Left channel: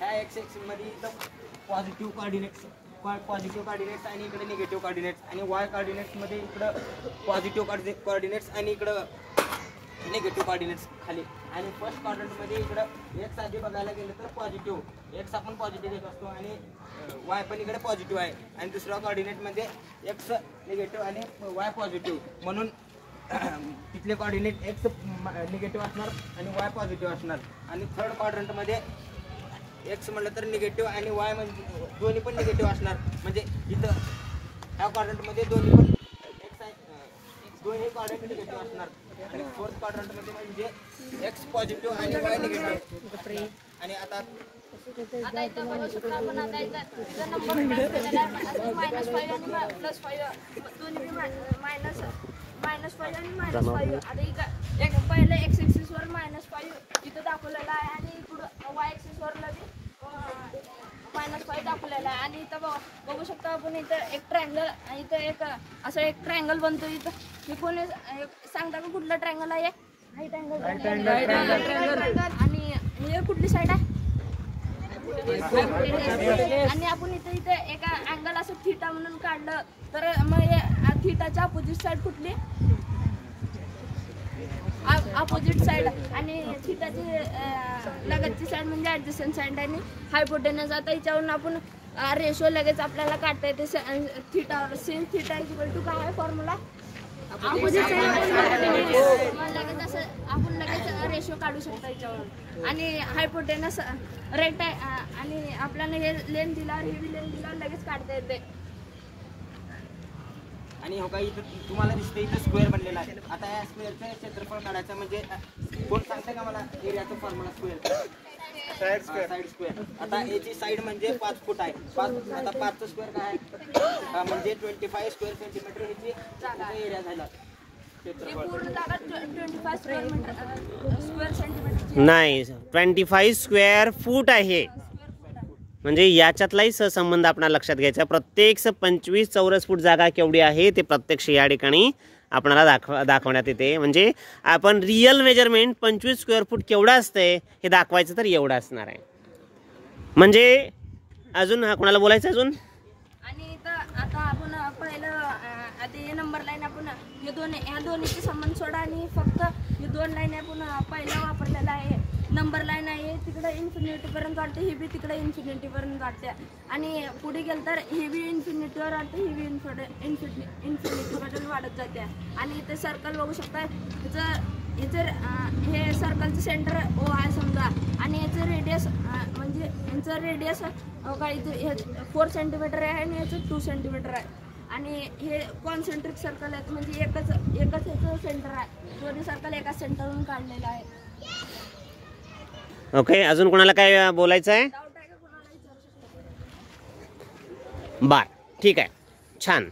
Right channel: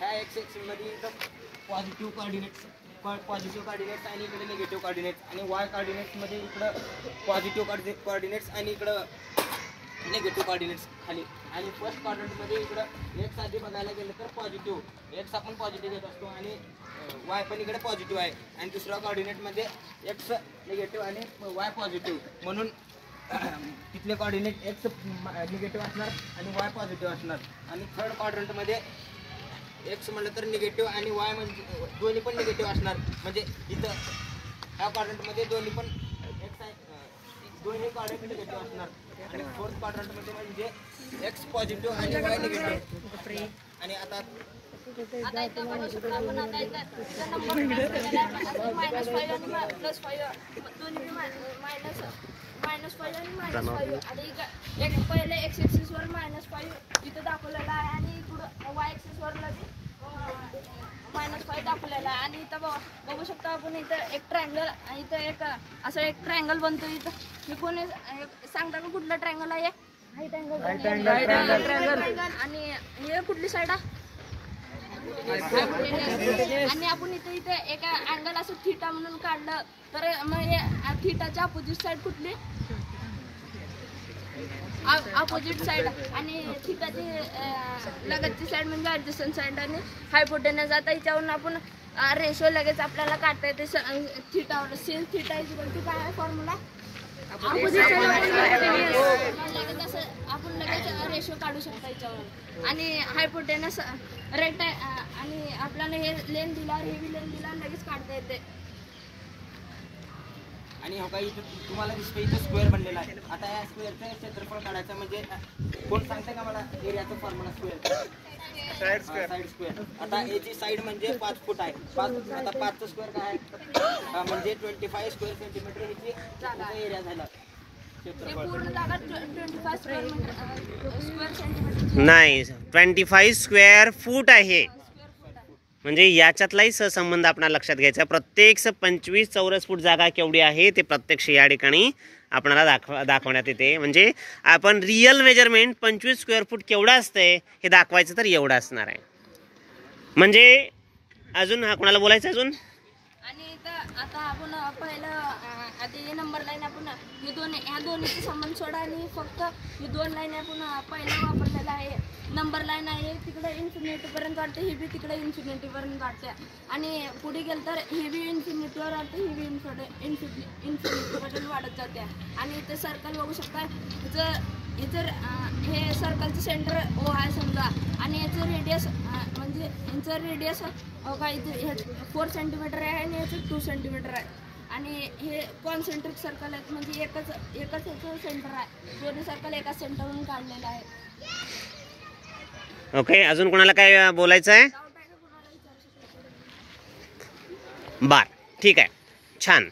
ह्या x axis मध्ये इथं पॉझिटिव्ह कोऑर्डिनेट्स आणि इकडे निगेटिव्ह कोऑर्डिनेट्स, आणि वाय कोऑर्डिनेट्स मध्ये इकडं पॉझिटिव्ह कोऑर्डिनेट्स आणि इकडं निगेटिव्ह कोऑर्डिनेट्स खाली. आणि फर्स्ट क्वाड्रंटमध्ये इकडं एक्स आधी बघायला गेलं तर पॉझिटिव्ह, एक्स आपण पॉझिटिव्ह घेत असतो आणि वाय पण इकडे पॉझिटिव्ह आहे. आणि दुसऱ्या कोऑर्डिनेटमध्ये एक्स निगेटिव्ह आणि वाय पॉझिटिव्ह, म्हणून तिथले कोऑर्डिनेट एक्स निगेटिव्ह असणार आणि वाय पॉझिटिव्ह असणार. आणि थर्ड क्वाड्रंटमध्ये एक्स म्हटलं तर निगेटिव्ह आणि वाय म्हणजे दोन्ही पण निगेटिव्ह असणार. म्हणजे इथं ह्या क्वाड्रंटमध्ये दोन्ही पण एक्स आहे, दोन्ही क्वाड्रंट निगेटिव्ह असणार. आणि फोर्थ क्वाड्रंटमध्ये म्हणजे एक्स पॉझिटिव्ह आणि वाय निगेटिव्ह. आणि आता इथं बघू शकतो आपण. आता इथं नंबर केलेला आहे -5 आणि +5 दोन्ही -5 आणि -5. आता इकडे पहिले एक्स एक्सिस वर -5 इथं दाखवलेला आहे आणि इकडं वाय एक्सिस वर -5 दाखवलेला आहे. आणि इथं बघू शकतो आपण इथं एक ट्रायंगल, इथं एक असं एक ट्रायंगल बनतो. इथं हे कोणी सांगता का कुठलं ट्रायंगल आहे? Right angle. आणि हे कुठली साईड आहे? आणि आपण इथे एका अँगल असं थीटा म्हणून काढलं तर मग थीटाच्या अपोजिट साईड कुठली? Opposite side. आणि थीटाची लगतची साईड म्हणजे ॲडजस्टंट साईड. आणि हायपोटेनस. आता याच्यावरून आपण रेशो लगेच आपल्याला काढता येते थीटावर. सेम थीटा इक्वल काय आहे फॉर्म्युला? Opposite side. लगेच असं आपण लगेच रेशो काढू शकतो याच्यावर. आणि हायपोटेनस रेट आणि आपल्याला हे लेन दिल्यावर हे बी लेन दिल्यावर लगेच काढता येते. आणि हो काही इथं तुम्हाला दिसतं इथं स्क्वेअर बनलेला आहे. आता या स्क्वेअरचं क्षेत्रफळ काढायचं म्हणजे कोण सांगते का मला एरियाचा फॉर्म्युला? Side square. आता याची साईड म्हणजे 5 फूट आहे. आता 5चं स्क्वेअर काय आहे म्हणजे 25 स्क्वेअर सेंटीमीटर ह्याची एरिया झाला. नाही, 25 स्क्वेअर फूट आहे. म्हणजे याच्यातलाही सहसंबंध आपल्याला लक्षात घ्यायचा. प्रत्येक 25 चौरस फूट जागा केवढी आहे ते प्रत्यक्ष या ठिकाणी आपल्याला दाखवण्यात येते. म्हणजे आपण रिअल मेजरमेंट 25 स्क्वेअर फूट केवढं असतंय हे दाखवायचं तर एवढं असणार आहे. म्हणजे अजून कोणाला बोलायचं अजून? आणि आता आपण पहिलं आता हे नंबर लाईन आपण ह्या दोन्हीचे संबंध सोडा आणि फक्त हे 2 लाईन आपण पहिलं वापरलेला आहे. नंबर लाईन आहे तिकडे इन्फिनिटीपर्यंत काढते, ही बी तिकडे इन्फिनिटीपर्यंत काढते. आणि पुढे गेलं तर हे बी इन्फिनिटीवर वाढते, ही बी इन्फिनिटीपर्यंत वाढत जाते. आणि इथे सर्कल बघू शकता. हे सर्कलचं सेंटर ओ आहे समजा. आणि याचं रेडियस म्हणजे यांचं रेडियस काय 4 सेंटीमीटर आहे आणि याचं 2 सेंटीमीटर आहे. आणि हे कॉन्सेंट्रिक सर्कल आहेत म्हणजे एकच याचं सेंटर आहे. दोन्ही सर्कल एकाच सेंटरवरून काढलेलं आहे. ओके, अजून कोणाला काय बोलायचं आहे? बर, ठीक आहे, छान.